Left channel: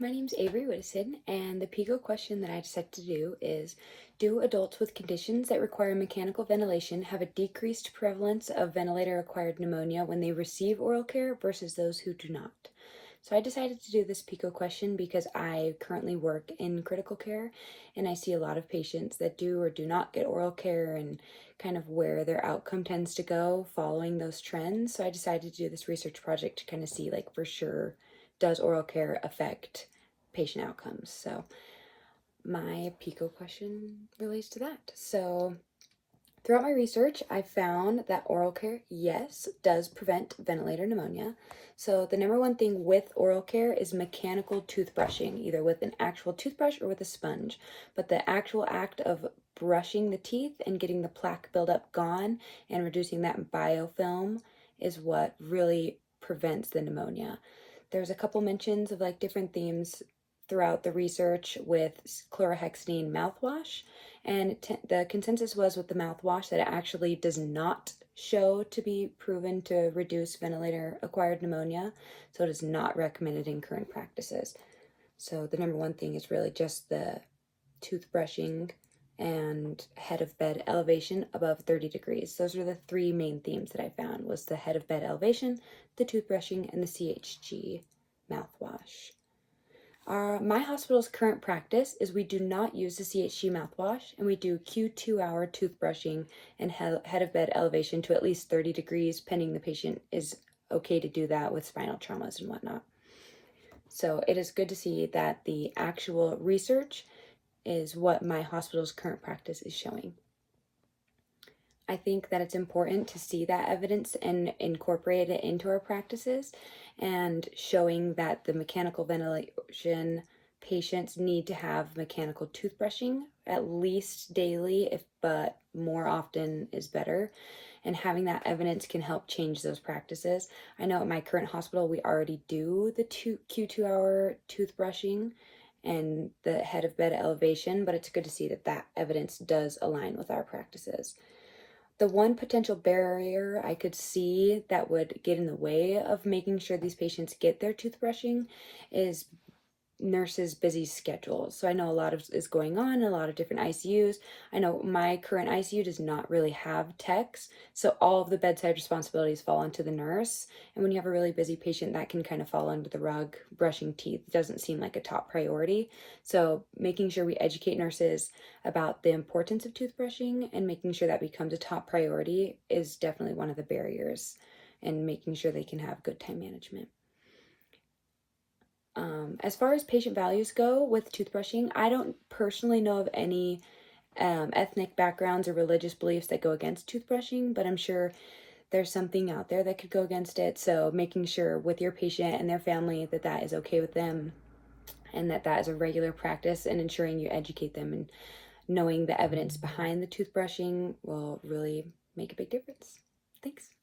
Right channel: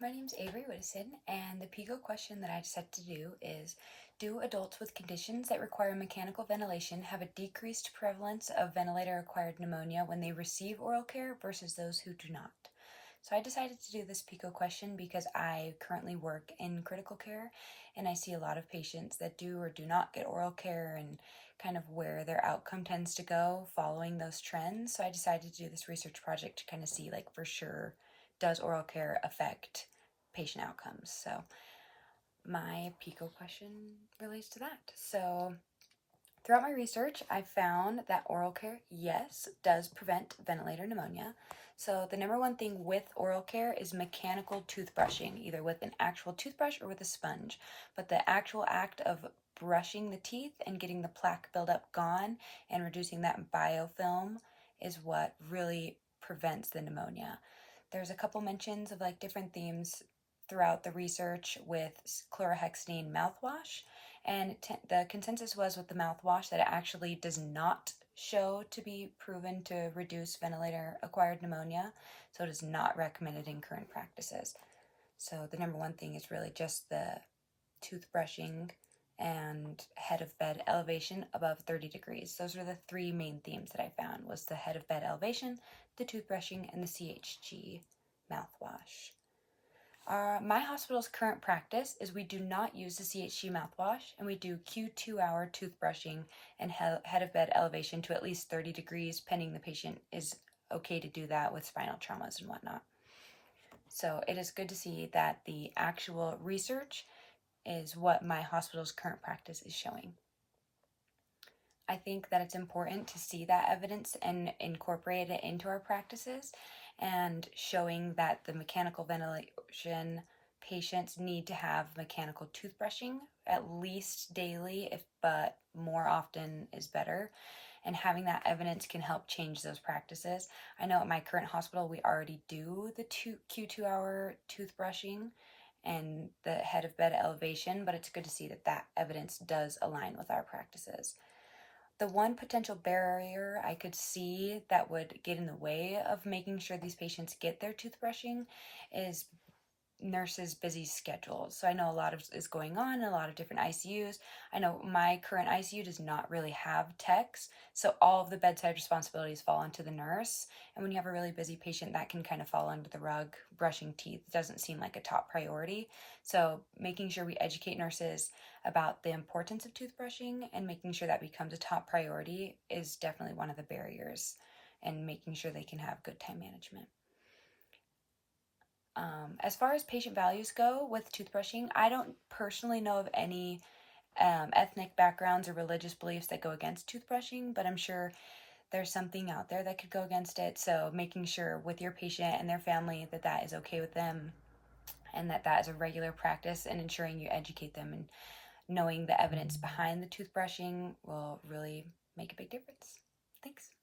my name's Averee Widdison, and the PICO question that I set to do is, do adults with conditions that require mechanical ventilation have a decreased prevalence of ventilator-acquired pneumonia when they receive oral care versus those who do not? So I decided to do this PICO question because I currently work in critical care, and I see a lot of patients that do or do not get oral care and kind of where their outcome tends to go following those trends. So I decided to do this research project to kind of see, like, for sure, does oral care affect patient outcomes? So my PICO question relates to that. So throughout my research, I found that oral care, yes, does prevent ventilator pneumonia. So the number one thing with oral care is mechanical toothbrushing, either with an actual toothbrush or with a sponge. But the actual act of brushing the teeth and getting the plaque buildup gone and reducing that biofilm is what really prevents the pneumonia. There's a couple mentions of like different themes throughout the research with chlorhexidine mouthwash, and the consensus was with the mouthwash that it actually does not show to be proven to reduce ventilator-acquired pneumonia, so it is not recommended in current practices. So the number one thing is really just the toothbrushing and head of bed elevation above 30 degrees. Those are the three main themes that I found, was the head of bed elevation, the toothbrushing, and the CHG mouthwash. My hospital's current practice is we do not use the CHG mouthwash, and we do Q2 hour toothbrushing and head of bed elevation to at least 30 degrees, pending the patient is okay to do that with spinal traumas and whatnot. So it is good to see that the actual research is what my hospital's current practice is showing. I think that it's important to see that evidence and incorporate it into our practices, and showing that the mechanical ventilation patients need to have mechanical toothbrushing at least daily, but more often is better. And having that evidence can help change those practices. I know at my current hospital, we already do the Q2 hour toothbrushing and the head of bed elevation, but it's good to see that that evidence does align with our practices. The one potential barrier I could see that would get in the way of making sure these patients get their toothbrushing is nurses' busy schedules. So I know a lot is going on in a lot of different ICUs. I know my current ICU does not really have techs, so all of the bedside responsibilities fall onto the nurse. And when you have a really busy patient, that can kind of fall under the rug. Brushing teeth doesn't seem like a top priority. So making sure we educate nurses about the importance of toothbrushing and making sure that becomes a top priority is definitely one of the barriers, and making sure they can have good time management. As far as patient values go with toothbrushing, I don't personally know of any ethnic backgrounds or religious beliefs that go against toothbrushing, but I'm sure there's something out there that could go against it. So making sure with your patient and their family that that is okay with them, and that that is a regular practice, and ensuring you educate them and knowing the evidence behind the toothbrushing will really make a big difference. Thanks.